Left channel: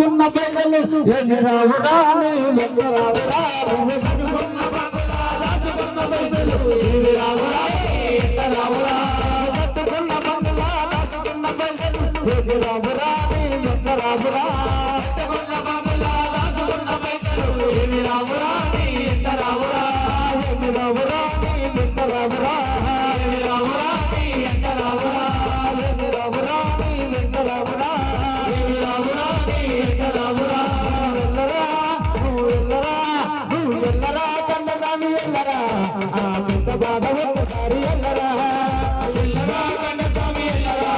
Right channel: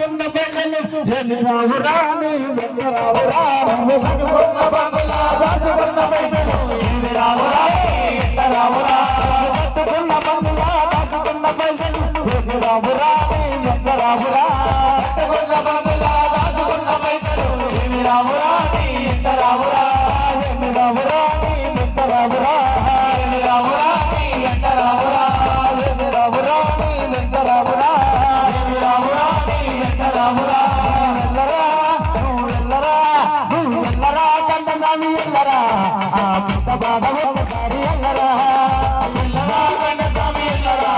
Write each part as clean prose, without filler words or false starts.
దాచుకున్న పైసలు ఏమి రావురా నీ వెంట రావురా దాచుకున్న బంగ్లా దాచుకున్న పైసలు ఏమి రావురా ఎంత రావురా కట్టుకున్న బంగ్లా దాచుకున్న పైసలు ఏమి రావురా నీ వెంట రావురా కట్టుకున్న బంగ్లా దాచుకున్న పైసలు ఏమి రావురా నీ ఎంత రావురా ఏమి రావురా నీ వెంట రావురా ఏమి రావురా నీ వెంట రావురా ఏమి రావురా నీ వెంట రావురా ఏమి రావురా నీ వెంట రావురా ఎల్లరా నువ్వు ఎల్లరా నువ్వు ఎల్లరా కండసామి ఎల్లరా ఆ పెద్ద బాధ ఒక్కసారి ఎల్లరా ఎల్లరా కండసామి ఎల్లరా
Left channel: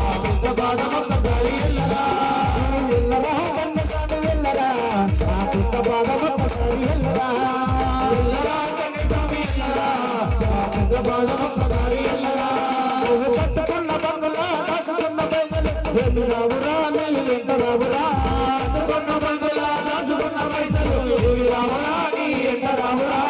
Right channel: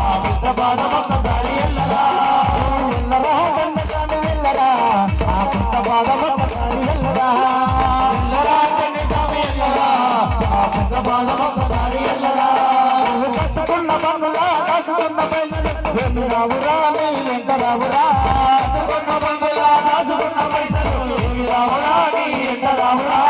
ఆ పెద్ద బాధ ఒక్కసారి ఎల్లరా నువ్వు ఎల్లరా కండసామి ఎల్లరా ఆ పెద్ద బాధ ఒక్కసారి ఎల్లరా ఎల్లరా కండసామి ఎల్లరా ఆ పెద్ద బాధ ఒక్కసారి ఎల్లరా నువ్వు కట్టుకున్న బంగ్లా దాచుకున్న పైసలు ఏమి రావురా నీ వెంట రావురా కట్టుకున్న బంగ్లా దాచుకున్న పైసలు ఏమి రావురా నీ వెంట రావురా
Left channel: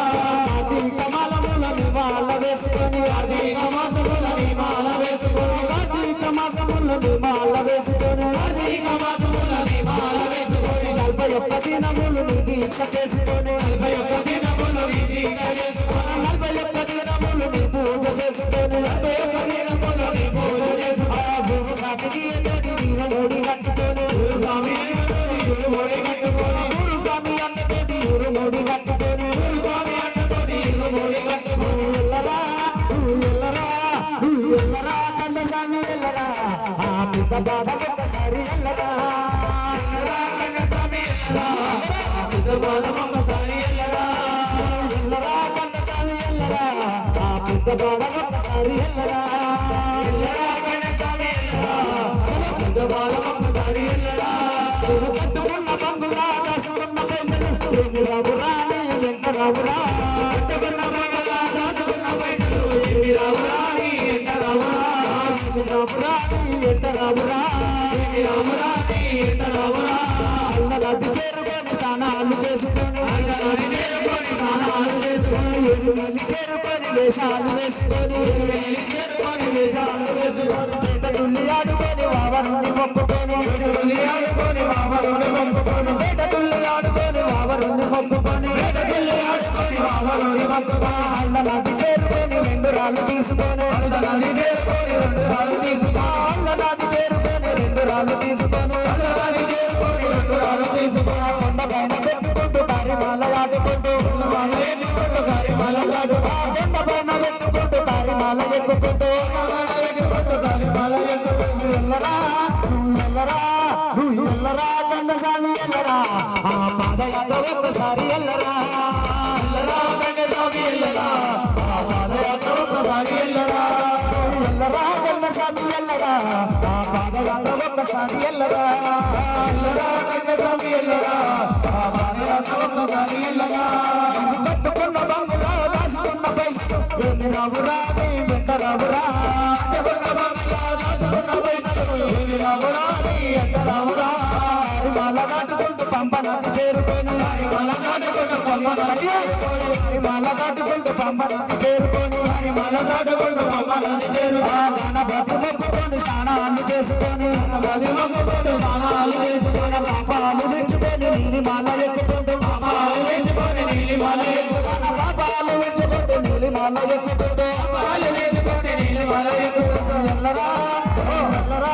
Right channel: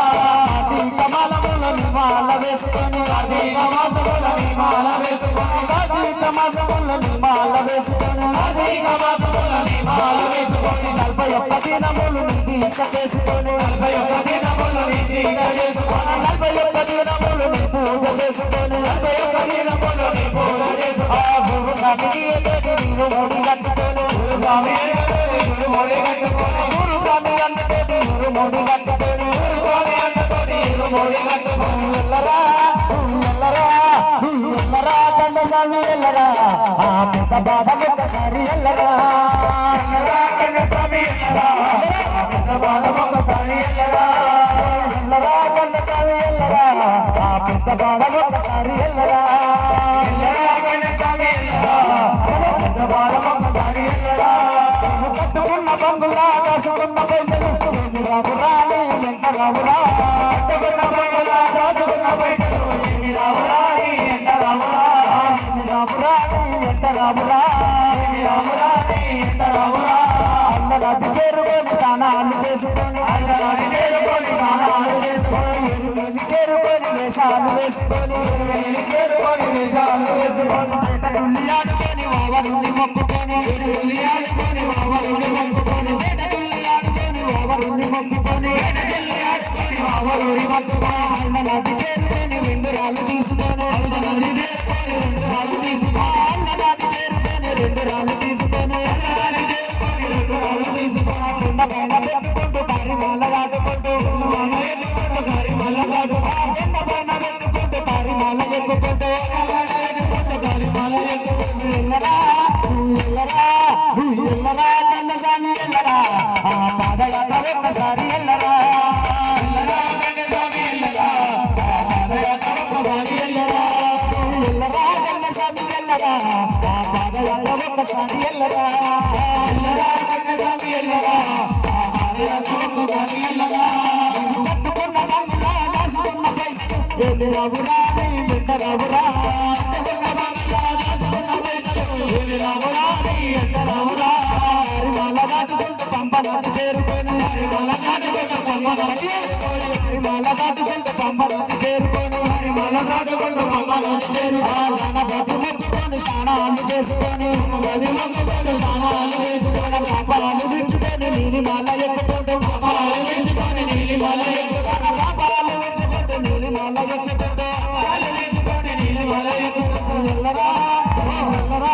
కార్తీక మాసముల నిమాల వేసుకొని కార్తీక మాసముల నిమాల వేసుకొని కార్తీక మాసముల నిమాల వేసుకొని కార్తీక మాసముల నిమాల వేసుకొని 41 దినములు నీ దీక్ష చేసుకొని 41 దినములు నీ దీక్ష చేసుకొని 41 దినములు నీ పూజ చేసుకొని 41 దినములు నీ పూజ చేసుకొని ఆ గురు సాటికి ఎదుటి నీవు ముడి కట్టుకొని గురు స్వామి గురు ముడి కట్టుకొని గురు స్వామి అందుకే గురు ముడి కట్టుకొని గురు స్వామి అందుకొని గురు ముడి కట్టుకొని ఎల్లరా ఎల్లరా ఎల్లరా కండసామి ఎల్లరా ఆ పెద్ద బాధ ఒక్కసారి ఎల్లరా ఎల్లరా కండసామి ఎల్లరా ఆ పెద్ద బాధ ఒక్కసారి ఎల్లరా ఎల్లరా కండసామి ఎల్లరా ఆ పెద్ద బాధ ఒక్కసారి ఎల్లరా ఎల్లరా కండసామి ఎల్లరా ఆ పెద్ద బాధ ఒక్కసారి ఎల్లరా నువ్వు కట్టుకున్న బంగ్లా దాచుకున్న పైసలు ఏమి రావురా నీ వెంట రావురా కట్టుకున్న బంగ్లా దాచుకున్న పైసలు ఏమి రావురా నీ వెంట రావురా ఏమి రావురా నీ వెంట రావురా ఏమి రావురా నీ వెంట రావురా అల్లరాజు చేరుకొని స్నానాలు చేసుకొని అల్లరాజు చేరుకొని స్నానాలు చేసుకొని ఎరుమేలి చేరుకొని వేషాలు వేసుకొని ఎరుమేలి చేరుకొని వేషాలు వేసుకొని పేటదుల్లి ఆడుకొని వావరుని మొక్కుకొని పేటదుల్లి ఆడుకొని వావరుని మొక్కుకొని పేటదుల్లి ఆడుకొని వావరుని మొక్కుకొని పేటదుల్లి ఆడుకొని వావరుని మొక్కుకొని అల్లరాజు చేరుకొని 2 రాళ్ళు తీసుకొని అల్లరాజు చేరుకొని 2 రాళ్ళు తీసుకొని అల్లరాజు చేరుకొని 2 రాళ్ళు తీసుకొని అల్లరాజు చేరుకొని 2 రాళ్ళు తీసుకొని కొండ పైన పెట్టుకుంటూ పరిమాల ఆడుకుంటూ కొండ ఎక్కుకుంటూ పరిమాల ఆడుకుంటూ కొండ పైన పెట్టుకుంటూ పరిమాల ఎక్కుకుంటూ పరిమాల ఎక్కుకుంటూ ఎల్లరా నువ్వు ఎల్లరా నువ్వు ఎల్లరా కండసామి ఎల్లరా ఆ పాదయాత్ర ఒక్కసారి ఎల్లరా ఎల్లరా కండసామి ఎల్లరా ఆ పాదయాత్ర ఒక్కసారి ఎల్లరా ఎల్లరా కండసామి ఎల్లరా ఆ పాదయాత్ర ఒక్కసారి ఎల్లరా ఎల్లరా కండసామి ఎల్లరా ఆ పాదయాత్ర ఒక్కసారి ఎల్లరా కట్టుకున్న బంగ్లా దాచుకున్న పైసలు ఏమి రావురా నీ వెంట రావురా కట్టుకున్న బంగ్లా దాచుకున్న పైసలు ఏమి రావురా నీ వెంట రావురా హరిమాల దాటుకుంటూ పంపనది చేరుకొని హరిమాల దాటుకుంటూ పంపనది హరిమాల దాటుకుంటూ పంపనది చేరుకొని హరిమాల దాటుకుంటూ పంపనది చేరుకొని గణపతి మొక్కుకొని స్నానాలు చేసుకొని గణపతి మొక్కుకొని స్నానాలు చేసుకొని పాపాలు విచ్చుకొని నీలిమాల ఎక్కుకుంటూ పాపాలు విచ్చుకొని నీలిమాల ఎక్కుకొని పాపాలు విచ్చుకుంటూ నీలిమాల ఎక్కుకుంటూ పాపాలు విచ్చుకొని నీలిమాల ఎక్కుకుంటూ ఎల్లరా ఎల్లరా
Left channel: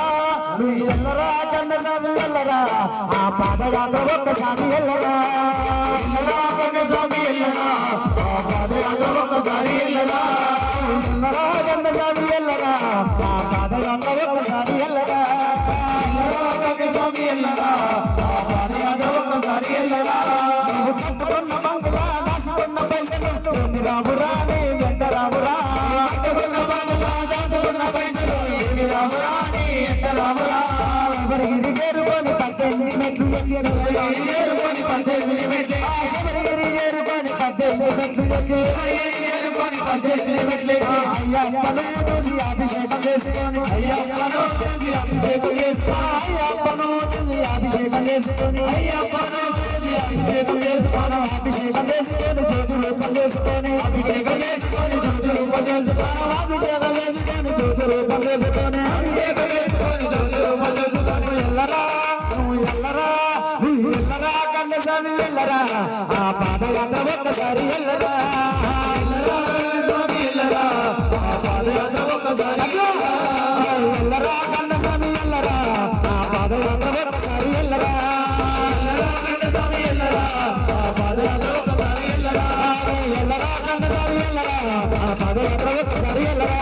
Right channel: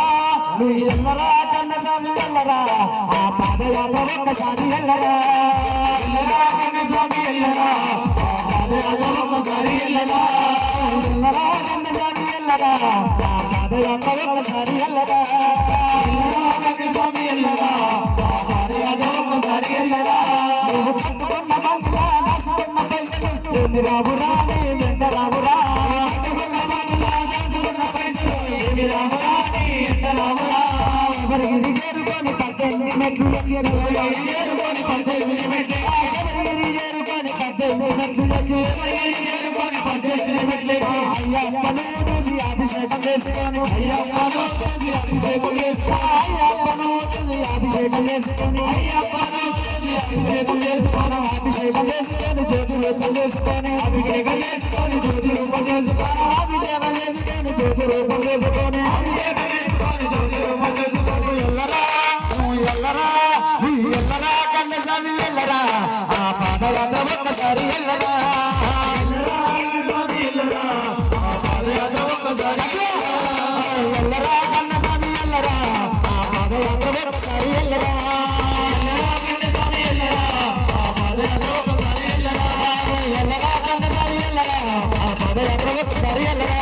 నువ్వు ఎల్లరా కండసామి ఎల్లరా ఆ పాదయాత్ర ఒక్కసారి ఎల్లరా ఎల్లరా కండసామి ఎల్లరా ఆ పాదయాత్ర ఒక్కసారి ఎల్లరా ఎల్లరా కండసామి ఎల్లరా ఆ పాదయాత్ర ఒక్కసారి ఎల్లరా ఎల్లరా కండసామి ఎల్లరా ఆ పాదయాత్ర ఒక్కసారి ఎల్లరా నువ్వు కట్టుకున్న బంగ్లా దాచుకున్న పైసలు ఏమి రావురా నీ వెంట రావురా కట్టుకున్న బంగ్లా దాచుకున్న పైసలు ఏమి రావురా నీ వెంట రావురా శబరిగిరి చేరుకొని 18 మెట్లు ఎక్కి శబరిగిరి చేరుకొని 18 మెట్లు శబరిగిరి చేరుకొని 18 మెట్లు ఎక్కి శబరిగిరి చేరుకొని 18 మెట్లు ఎక్కి అయ్యప్పను చూసి అభిషేకం చేసుకొని అయ్యప్పను చూసి అభిషేకం చేసుకొని అయ్యప్పను చూసి అభిషేకం చేసుకొని అయ్యప్పను చూసి అభిషేకం చేసుకొని అభిషేకం చేసుకొని జ్యోతి రూపం చేసుకొని అభిషేకం చేసుకొని జ్యోతి రూపం చేసుకొని అభిషేకం చేసుకొని జ్యోతి రూపం చేసుకొని అభిషేకం చేసుకొని జ్యోతి రూపం చేసుకొని ఎల్లరా ఎల్లరా ఆ పాదయాత్ర ఒక్కసారి ఎల్లరా ఎల్లరా కన్నస్వామి ఎల్లరా ఆ పాదయాత్ర ఒక్కసారి ఎల్లరా ఎల్లరా కన్నస్వామి ఎల్లరా ఆ పాదయాత్ర ఒక్కసారి ఎల్లరా